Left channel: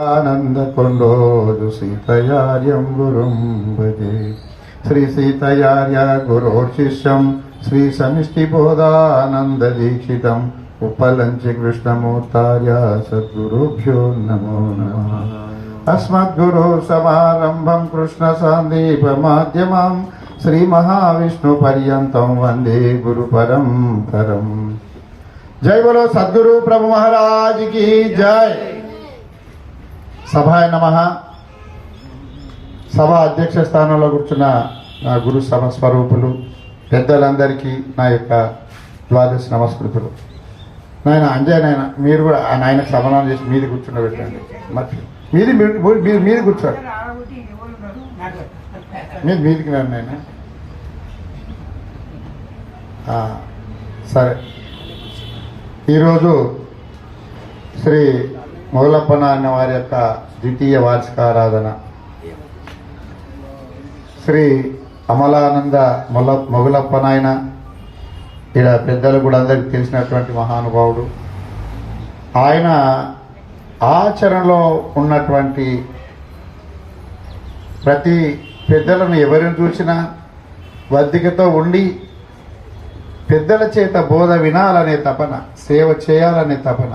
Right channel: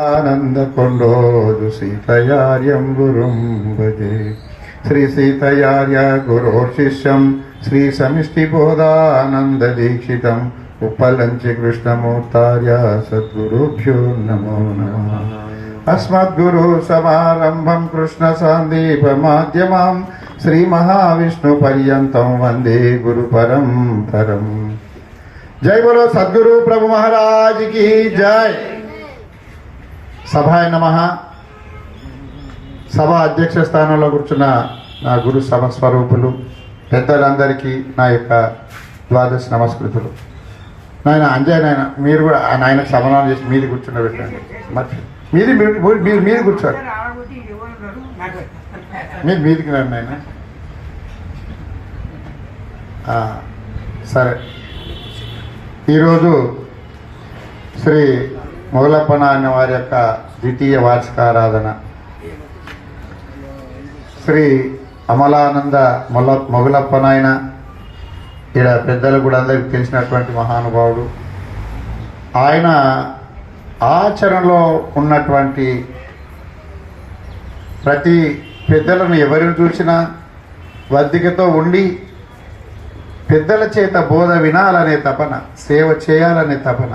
ఆనందకొండోదు సీతయార్యం గురుం భజే. శ్రీ సీతయార్య గురోర్శిష్యం శ్రీ సమిష్టి బోధానంద దీక్షితం ఉపలంచి కృష్ణమూర్తార్య సద్గురుభ్యో నమో నమ. అస్మద్గురు సమారంభం కృష్ణ సాందీప మాధ్యమం శ్రీ మహావిష్ణు పర్యంతం వందే గురు పరంపరం. జై బలో సద్గురు ప్రభు మహారాజ్కి జై. సభాయ నమ. సభ అధ్యక్ష స్థానంలో కూర్చున్న నా గురు సభ స్వరూపులు పెద్దలందరికీ నా యొక్క ద్వాదశ నమస్కృతులు. నాయన అంజయ్ నాయన మీరు కూడా ఆ నాయన సమన్వయం చేసి మీది కూర్చుండబెట్టండి మరి మీది మీరు మీరు మీది కూర్చోండి. మీరు మీదికి రండి నాయన. సరే. ఈరోజు శ్రీ మొగలప్ప నాన్న వారి యొక్క ద్వితీయ వార్షికారాధన. శ్రీ అమలానంద మొల మొగలప్ప నాయన ఇక్కడ పెద్దలు కూడా అందరికి తెలిసినటువంటి మహానుభావుడు. ఆయన ఆచరణలో ఉన్నటువంటి ప్రతి పెద్దలను ఎవరిని చూసినా వద్దికతో ఉండి పెద్దల చేత బోధ వినాలనే తపన సేవ చేయాలనే తపన.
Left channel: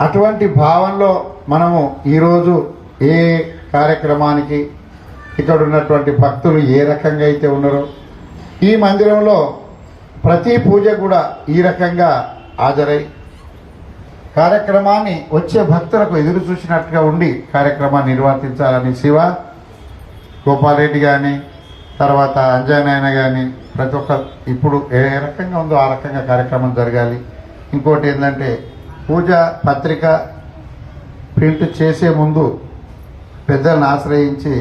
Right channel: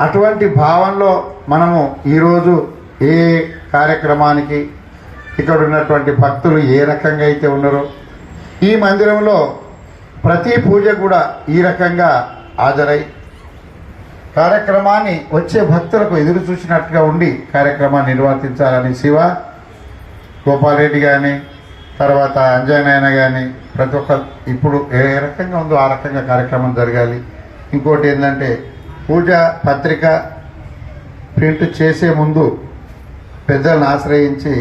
అటువంటి భావంలో మనము ఈరోజు ఏ కార్యక్రమానికి ఇక్కడ ఉన్నటువంటి భక్తులు ఏ రకంగా అయితే ఉన్నారో ఈ మందిరంలో ప్రతి పూజ కూడా ఈ రకంగా హాజరై కార్యక్రమాన్ని వచ్చే భక్తులకు ఎదురు చూసినట్టుగా ఉండి కార్యక్రమాన్ని నిర్వర్తించాలని శివ గోపాలరెడ్డి కానీ తర్వాత అంజనాయన కానీ ప్రతి ఒక్క ఇప్పుడు ఏ రకంగా ఉందో ఆ రకంగా కార్యక్రమం జరగాలి. ఇంకోటి ఏంటంటే పూజ పత్రిక ప్రింట్ చేసే ముందు పెద్దలను ఆశ్రయించి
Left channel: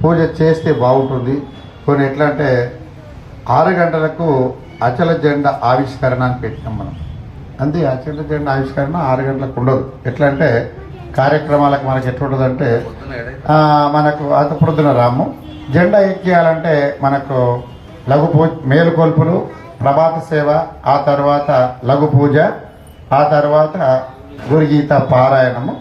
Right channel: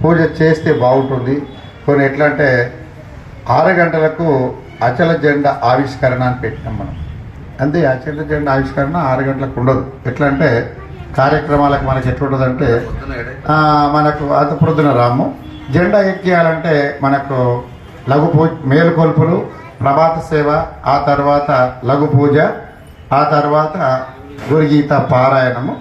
పూజ చేస్తే బాగుంటుంది. కొన్ని ఎట్లా అంటే ఆరు గంటలకు అచల జెండా ఆవిష్కరణ అని పెట్టినాం మనం. అంతే అచల జెండా ఆవిష్కరణ ఆరు గంటలకు ఉండదు. ఎట్లా అంటే కార్యక్రమాలకు మనకి ఎట్లుంటుందంటే అంటే మనకు అత పొద్దున రాము. జెండా ఎక్కియాలంటే మనకు లఘు పూజ మేలుకొల్పులు ప్రభాత సేవ ఆ తర్వాత లఘు పూజ ఆ తర్వాత గురుగీత పారాయణము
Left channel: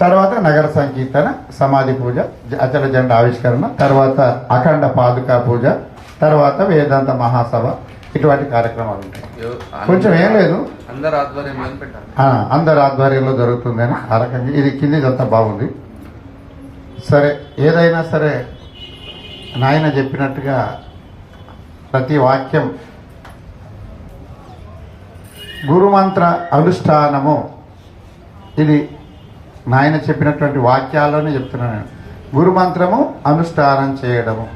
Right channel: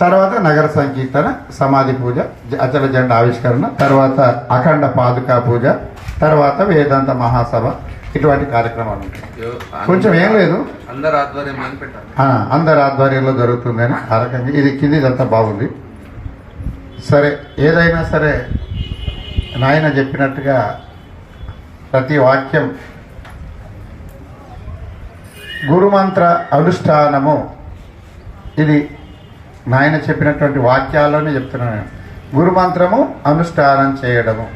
తర్వాత నగర సంకీర్తన సమాధి పూజ అచల జెండా ఆవిష్కరణ తర్వాత అఖండ పాదుకా పూజ తర్వాత వేదాంత మహాసభ ఇటువంటి కార్యక్రమాలు ఉంటాయి. కొంచెం ఏం లేదు. అందరి ఆధ్వర్యంలో జరుగుతుందని ఆ రకంగా ఇది కింది ఇదంతా బాగుంది. సరే ఏదైనా సరే నాయన చెప్పినట్టుగా ప్రతి వాక్యం గురుమంత్ర అనుష్ఠానము. ఇది నాయన చెప్పినటువంటి వాక్యాల్లోనే చెప్తున్నాను గురుమంత్రము అనుష్ఠానం చేయడము.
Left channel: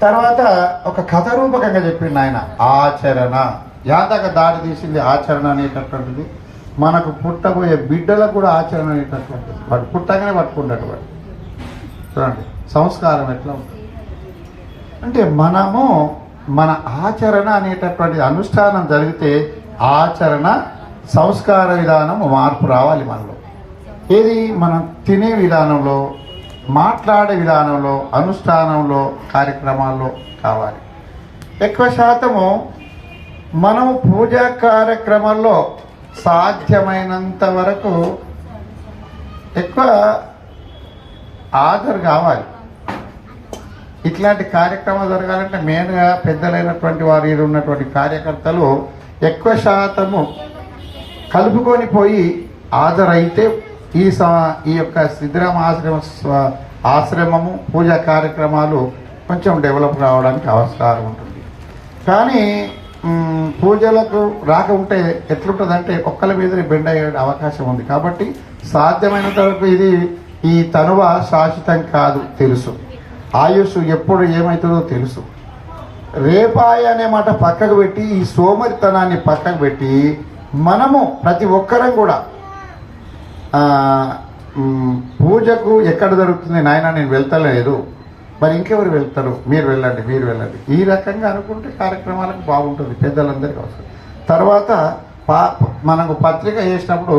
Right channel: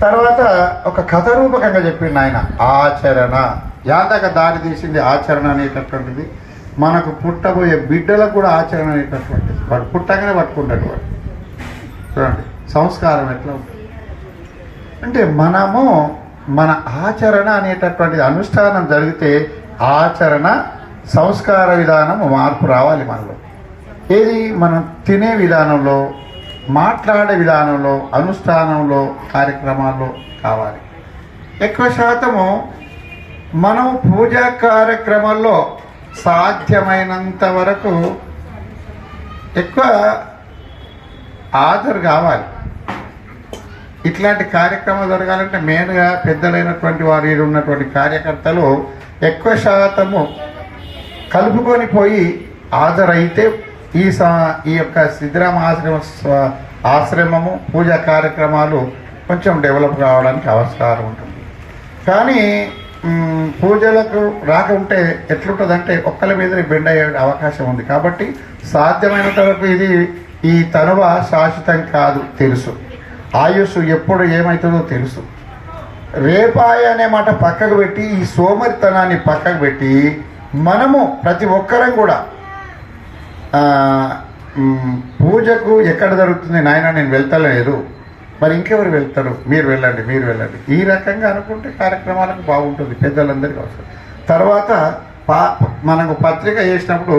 తర్వాత ఒక కథ రూపకంగా చెప్పిండు ఆయన ఆచరణ. యాదక దారి తీసింది ఆచరణ అనేటటువంటిది. మనకు పుట్టబోయే బిడ్డలకు కూడా ఆచరణ అనేటటువంటిది. వాడు పుట్టగానే పట్టుకుంటాడు వాడు. చూడండి సంస్కారం ఎట్లా ఉంటుంది? అంటే మనము మన ఆచరణ అనేటటువంటి అనుష్ఠానం జరిగితే ఆచరణ సంస్కార విధానం మార్పు రావాలి మనలో. ఏది? మనం తినే విధానంలో మాట్లాడే విధానంలో అనుష్ఠానంలో కార్యక్రమాల్లో కావాలి. ఎక్కువ శాతము మనం పూజా కార్యక్రమాల్లో సాధ్యమైనంత వరకు ఎక్కువ హాజరు కావాలి. ఇట్లాంటి కార్యక్రమం జరగాలంటే మెయిన్గా పెద్దలైనటువంటి వారి ఉన్నటువంటి కార్యకర్తలు ఎక్కువ శాతము కలుపుకొని పోయి హాజరైతే ఈ స ఈ యొక్క సిద్ధరామ ఆశ్రమ ఆశ్రమము పూజా కార్యక్రమాలు కొంచెం డెవలప్ కావడానికి ఆస్కారం ఉంటుంది. కానీ పూజలకు రాక ఉంటే ఎట్లుంటుందంటే ఒక్కల మీద బెండ్ అయ్యే అవకాశం ఉంది. కాబట్టి సాధ్యమైనంత వరకు ఇది ఈ తనువ శాశ్వతం కాదు తెలుసు. ఆయుష్ ఎప్పుడు ఏమవుతుందో తెలుసు. రేపాయ అనే మాట పక్కకు పెట్టి ఈ సోమరితనాన్ని పక్కకు పెట్టి మనము ప్రతి ఒక్కరం కూడా పూజకు ఎక్కడ జరుగుతుంది నాయన నేను వెళ్తలేదు. మరి ఇంకెవరు వెళ్తారు? మీరు వెళ్ళండి మీరు వెళ్ళండి. ఈ రకంగా అనుకుంటే కార్యక్రమాలకు బాగుంటుంది పెద్దలందరికీ అవసరం. తర్వాత పా మనకు పత్రిక చేసినప్పుడు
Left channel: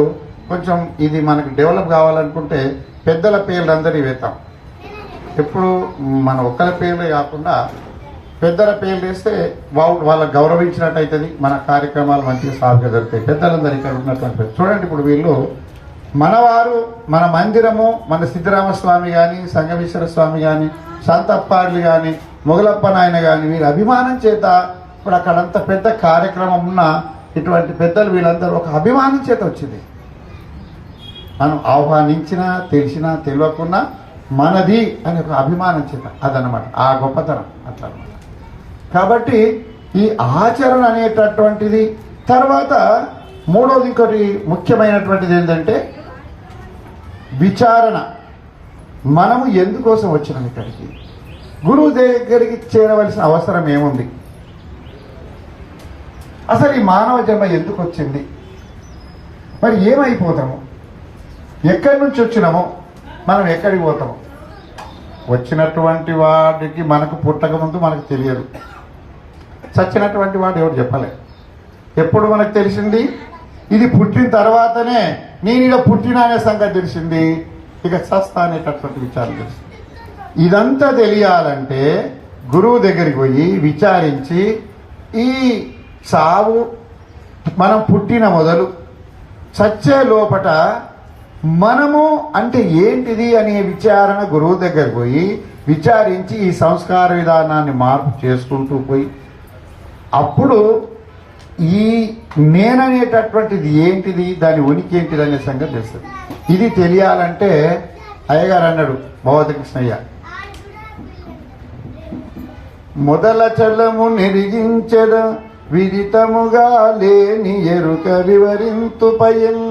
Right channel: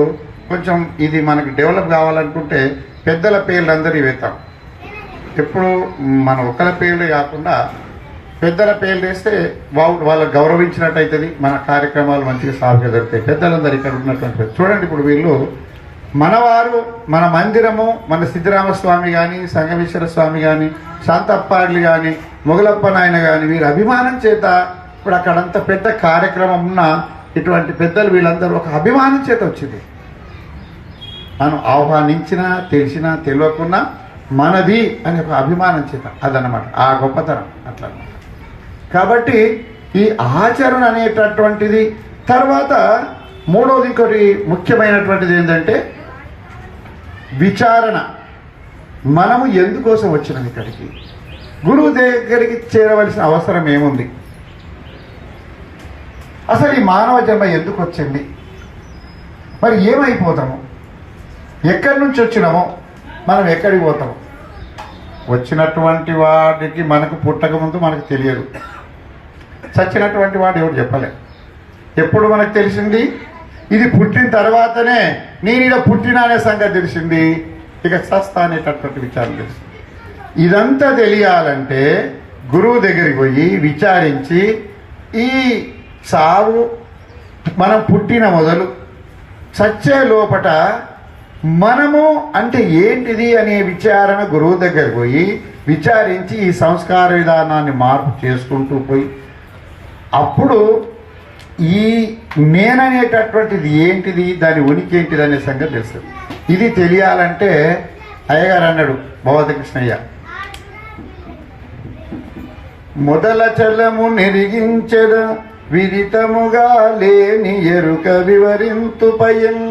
కొంచెం ఇది మనకు డెవలప్ కావాలనుకుంటే పెద్దల పేర్లు అందరి వేతాం ఎప్పుడు మన ఒక్కల పేర్లే కాకుండా పెద్దల పేర్లు వేస్తే వాళ్ళు గౌరవించినట్టు అవుతుంది మన కార్యక్రమాలు మంచిగా సాగుగా జరుగుతాయి. పెద్దలందరూ ఇక్కడ ఉన్నటువంటి చూడండి ఇప్పుడు వీళ్ళు. మనవారు మన మందిరము మన సిద్ధరామస్వామి కానీ సంగమేశ్వర స్వామి కానీ శాంతప్పాడ్లు కానీ మొగలప్ప నాయన కానీ వీరి అభిమానం చేత ఇప్పుడు అక్కడంత పెద్ద కార్యక్రమం ఉన్న ఇటువంటి పెద్దలు వీళ్ళందరూ ఒక అభిమానం చేత వచ్చింది. మనం ఆహ్వానించినా తెలిసినా తెలియకున్నా మనది అనే ఒక అభిమానం చేత అదనమాట ఆ గొప్పతనం అట్లా. కాబట్టి ఈ ఆచరణ అనేటటువంటిది తర్వాత మూడవది ఇంకోటి ముఖ్యమైనటువంటిది ఏంటంటే విచారణ. మనము ఎందుకోసం వచ్చినాం ఇక్కడికి? గురువు దగ్గరికి చేరవలసిన అవసరం ఏముంది? అసలు ఈ మానవ జన్మ ఎందుకు వచ్చింది మరి ఏమైపోతాము? ఎక్కడి నుంచి వచ్చినామో? మనం ఎక్కడికి పోతాం? వచ్చినటువంటి వాడికి మనకు పుట్టకముందు మనకు తెలియదు. చచ్చినటువంటి వాడు ఎవరు చెప్పలే. ఎప్పుడు మనకు తెలిసింది? ఇది పుట్టిన తర్వాతనే నేను ఇలా పుట్టిన అనే సంగతి తెలిసింది. ఇక సస్తా అనేటటువంటి విచారం తెలిసింది. ఇదంతా తెలియాలంటే గురువు దగ్గరికి పోయి విచారించి ఈ సావు మనం పుట్టిన మొదలు చచ్చే లోపట మనము అంటే ఏంటిది అనే విచారణ గురువు దగ్గర పోయి విచారించి ఈ సంస్కార విధానాన్ని మార్పు చేసుకుంటూ పోయి అప్పుడు ఈ నేననేటటువంటిది ఏంటిది దాని ఉనికి ఏంటిది అనే సంగతి తెలుస్తుంది. ఇది తెలియాలంటే అయ్యగారు అన్నాడు భగవతకృష్ణయ్య మొదల చల్లము నిరిగించద విదితముగా లేని ఎరుక వివరింతు పయన్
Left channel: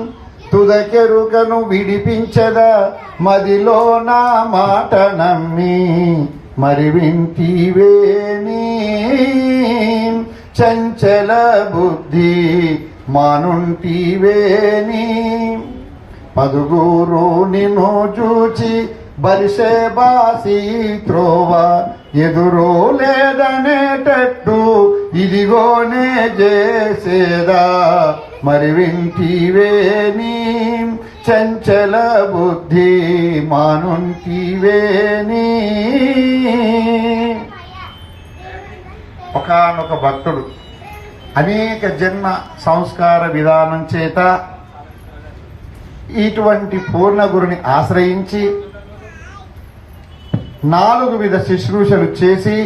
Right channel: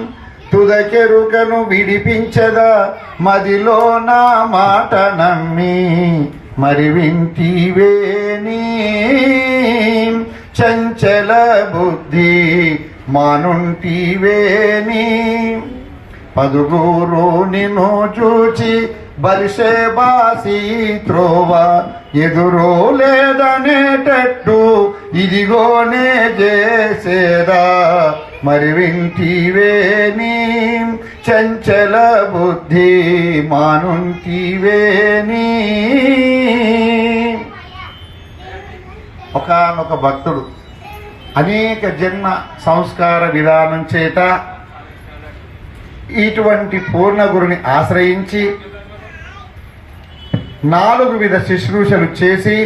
తుదకెరుకను విడిపించదా మదిలో నా మాట నమ్మి మరి వింటివేని చంచల బుద్ధి మానుంటివేని పదుగురు నిన్ను చూచి బలిసే బాసి త్రోవ ఎదురో లేదనేటట్టు ఇదిగోనే చేసేదా. మరి వింటివేని చంచల బుద్ధి మానుంటివేని. ఒకనొక భక్తుడు అనేక జన్మ సంస్కార విధానం చేత ఇటువంటి పూర్ణ గురుని ఆశ్రయించి నాలుగు విధ శుశ్రూషలు చేసి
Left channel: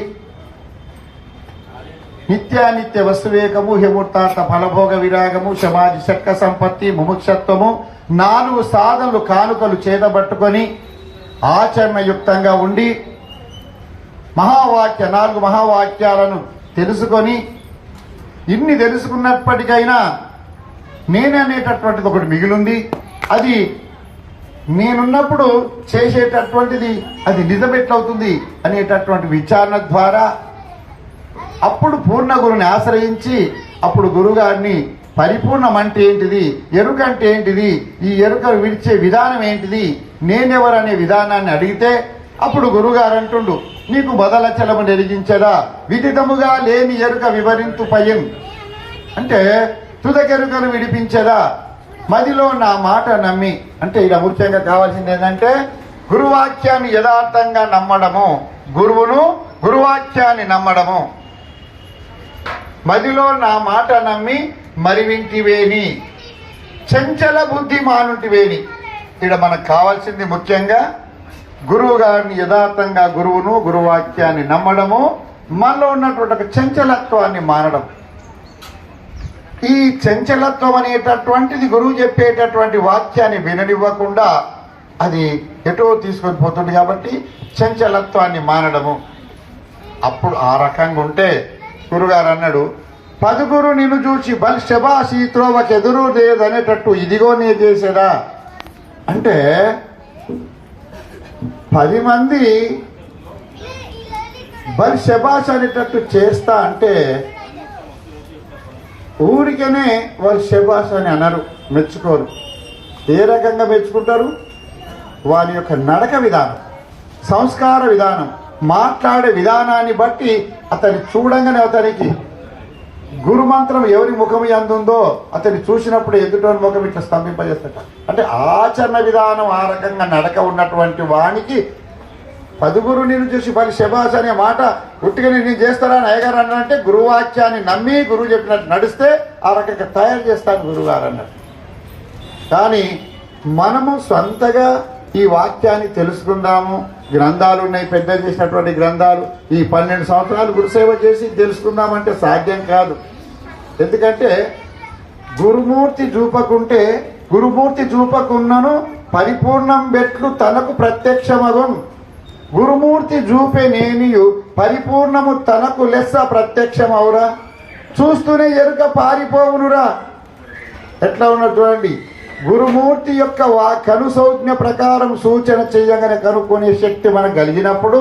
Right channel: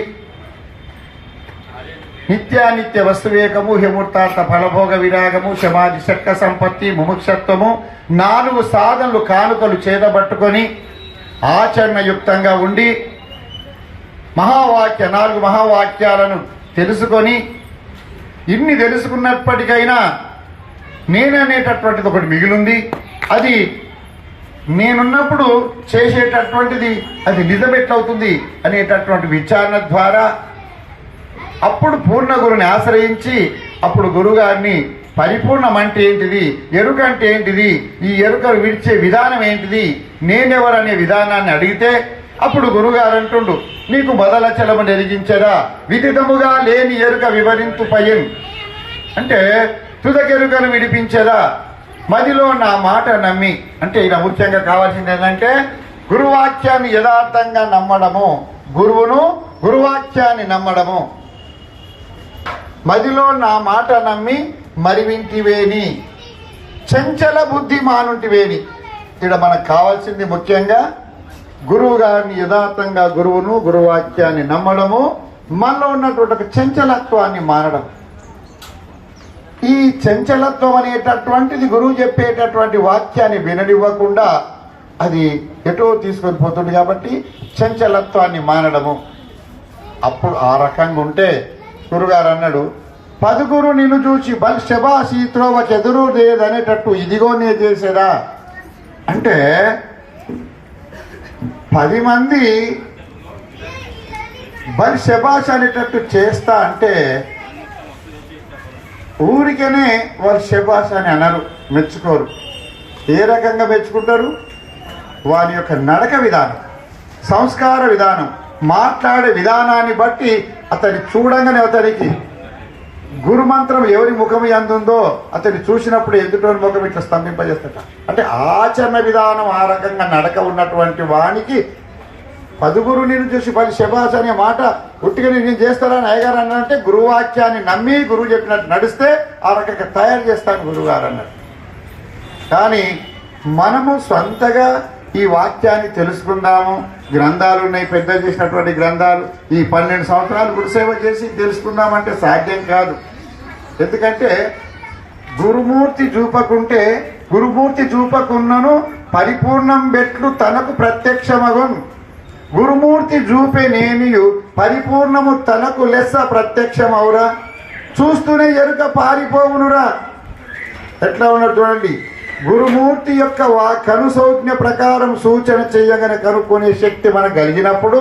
నిత్యానిత్య వస్తువేకము హిమూర్తార్థ ఫలభోగ విరాగము సమాధి శక్త సంపత్తి ముముక్షత్వము నాలుగు సాధనలు కానుకలు చేతబట్టుకొని ఆచరణయుక్తంగా ఉండి మహావాక్య నాలుగు మహావాక్యాలను తెలుసుకొని ఇన్ని తెలుసుకున్నప్పటికైనా నేననేటటువంటిది ఒకటి మిగిలింది. అది నేనున్నప్పుడు చేసేటటువంటిది అది నిజం ఎట్లవుతుంది అనేటటువంటి విచారణ ద్వారా అప్పుడు పూర్ణ గురుని ఆశ్రయించి అప్పుడు గురుగారిని పరిపూర్ణం అంటే ఏంటిది? ఎరుక అంటే ఏంటిది? ఈ ఎరుకను విడిచే విధానం ఏంటిది? నేనెవరనే విధానాన్ని అడిగితే అప్పుడు గురుగారు అంటుండు నీకు బదల చలము నెరిగించడా? విదితముగా లేని ఎరుక వివరింతు పయన్ అంటే తుదకెరుకను విడిపించదా? మదిలో నా మాట నమ్మి అంటే ఇలా ముఖ్యంగా కావాల్సింది ఏంటంటే గురువాక్యాన్ని యథార్థంగా నమ్మడము. గురువును గురువాక్యాన్ని నమ్మడము. మదిలో నా మాట నమ్మి మరివింటివేని. చంచల బుద్ధి మానుంటివేని. ఇక్కడ మనకు కావాల్సింది ముఖ్యంగా గురువు గారిని యథార్థంగా గురువును గురువాక్యాన్ని నమ్మడము మనలో ఉన్నటువంటి ఒక చంచలత్వాన్ని మారడం ఈ చంచలత్వం అనేటటువంటిది గురువు చెప్పేటటువంటి వాక్యాన్ని విననివ్వకుండా అది ఎటో తీసుకొని పోతుంది కాబట్టి చంచలత్వాన్ని మానడము. అప్పుడు ఆ రకంగా ఉంటే గురుగారు అన్నాడు పదుగురు నిన్ను చూసి బల్ శబాసి త్రోవకి ఎదురు లేదనేటట్టు ఇదిగో నే చేసేదా? అంటే పది మంది బల్ శబాష్ అనేటట్టు చేస్తా అంటే ఊరికనే వాళ్ళు శబాష్ అని అనరు మెచ్చుకోరు. ఏ రకంగా మెచ్చుకుంటారు? వారి యొక్క నడక విధానం సంస్కార విధానం. మాట్లాడే విధానాన్ని బట్టి అతన్ని చూడంగానే అతనికి గురుమంత్రం ఎవరి ముఖం ఎందుందో అతన్ని చూసినప్పుడు ఎదుటి ముఖం ఇట్లా స్తంభింపజేస్తట. అంటే ఆచరణ విధానం ఆ రకంగా నడక ఉన్నటువంటి వానికి పదుగురు నేను చూసి పది శబాస్ అనే మాట ఉట్టిగా నేను చేస్తారా? అని అయ్యగారు అన్నారంటే గురువాక్యాన్ని నమ్మి గురువు చెప్పినట్టు నడిస్తే ఆ రకంగా తయారు చేస్తాను గురుగారు అన్నారు. కానీ మనము సొంతగా ఈ వాక్యాన్ని తెలుసుకుందాము. గ్రంథాలు ఉన్నాయి పెద్ద చేసినటువంటి గ్రంథాలు. ఈ పన్నెండు సంవత్సరాలు గురుసేవ చేసి తెలుసుకుందామంటే సాధ్యం కాదు. ఎందుకంటే గురుమూర్తి చూపకుంటే గురుమూర్తి చూపకున్నను పరిపూర్ణం బెట్లు తనకు ప్రత్యక్షమగున్. గురుమూర్తి చూపే నేనియు పరిపూర్ణము తనకు లెస్స ప్రత్యక్షమవురా. చూస్తూనే ఎరుక పారిపోవునురా. ఎట్లా ఉన్నారు చూడండి. గురుమూర్తి యొక్క వా కనుసౌజ్ఞ ప్రకారం సూచన చేయగానే కనుక్కునే శక్తి మనకు కలిగినప్పుడు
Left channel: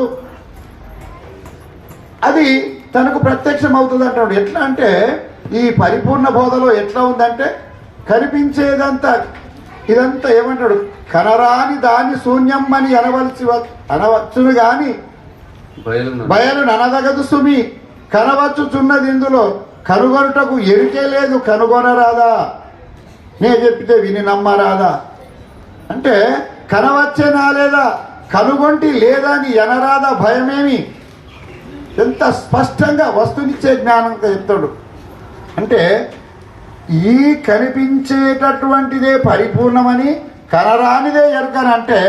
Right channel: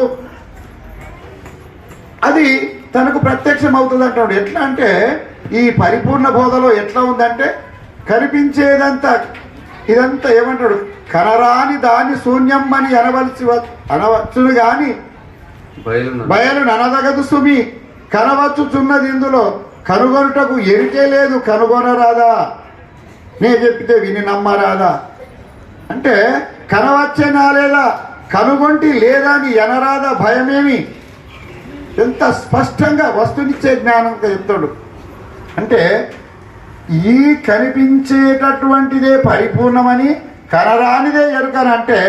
అది తనకు ప్రత్యక్షం అవుతుంది అంటాడు ఎట్లా అంటే ఈ పరిపూర్ణ బోధలో ఎట్లా ఉందంటే కనిపించేదంతా ఇదంతా ఏమంటాడు కనరాని దాని శూన్యం అని అనవలసి అనవచ్చును గాని బయలు ననదగదు సుమి కనవచ్చుచున్నది ఇందులో కనుగొనుటకు ఎరికే లేదు కనుగొనరాదా? నేను చెప్తే విని నమ్మరాదా? అంటే కనవచ్చేనా లేదా కనుగొంటి లేదా అని ఎనరాదా భయమేమి? ఎంత స్పష్టంగా వస్తునిచ్చే జ్ఞానంగా చెప్తాడు. అంటే ఈ కనిపించేటటువంటిదే పరిపూర్ణమని కనరానిదే ఎరుకని అంటే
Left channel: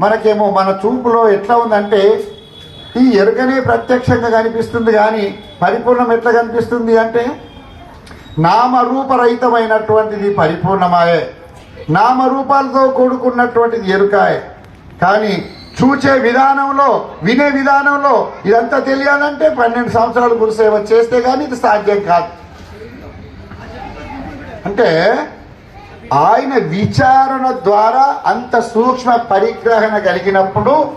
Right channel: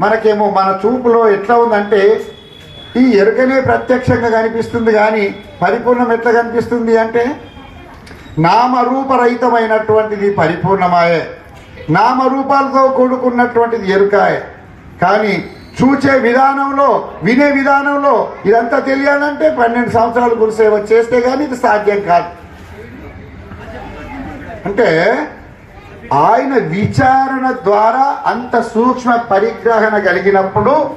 మనకేమో మన చూపులో ఎట్లా ఉందంటే ఈ ఎరుకనే ప్రత్యక్షంగా కనిపిస్తుంది కానీ పరిపూర్ణం ఎట్లా కనిపిస్తుంది అంటే నామరూపరహితమైనటువంటిది పరిపూర్ణమాయే. నామరూపాలతో కూడుకున్నటువంటిది ఎరుకాయే. కానీ చూచే విధానంలో వినే విధానంలో ఇదంతా తెలియాలంటే పన్నెండు సంవత్సరాలు గురుసేవ చేస్తే కానీ ఇది సాధ్యం కాదు. అంటే ఆయన విచారణ ద్వారా అంత సూక్ష్మ పరిగ్రహణ కలిగినప్పుడు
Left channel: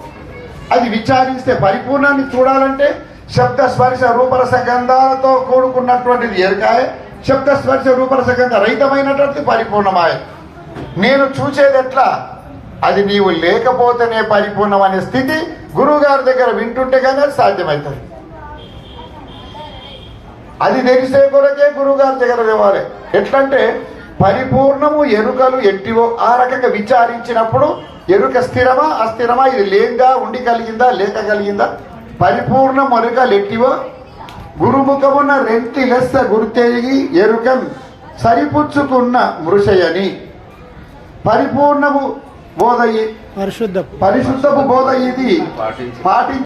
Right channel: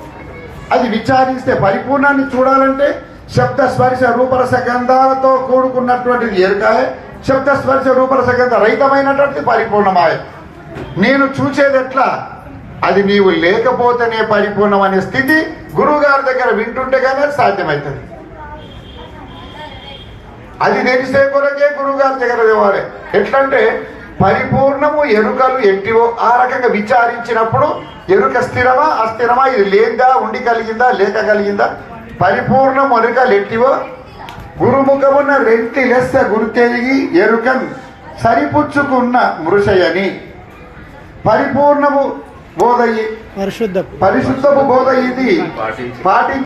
అది విచారిస్తే పరిపూర్ణాన్ని చూడాలంటే శబ్ద స్పర్శ రూపరస గంధాలతో కూడుకున్నటువంటిది ఎరుకాయ. శబ్ద స్పర్శ రూపరస గంధ రహితమైనటువంటిది పరిపూర్ణమాయ. నేను చూసేది ఎట్లా? అది నీవు లేకపోతేనే పరిపూర్ణం అనే స్థితి గురువు గారి దగ్గర వింటుంటే కానీ అది సాధ్యమవుతుంది అది తెలిసే కొరకే గురువు గారి దగ్గర తేవాలి. ఎట్లంటే పరిపూర్ణము ఎరుకలు ఎట్టివో ఆ రకంగా విచారించినప్పుడు ఎరుక స్థిరమా అస్థిరమా? ఇది లేదా ఉండి కలిగిందా లేక కలిగిందా? పరిపూర్ణం ఎరుకలు ఎట్టివో గురుముఖమున రెంటి లెస్స గుర్తెరిగి ఎరుకన్ సరిపుచ్చుకున్న మృషయని. పరిపూర్ణము బోధయి పరిశుద్ధపు పరిశుద్ధపు బోధ ఇది పాటించి. పాటి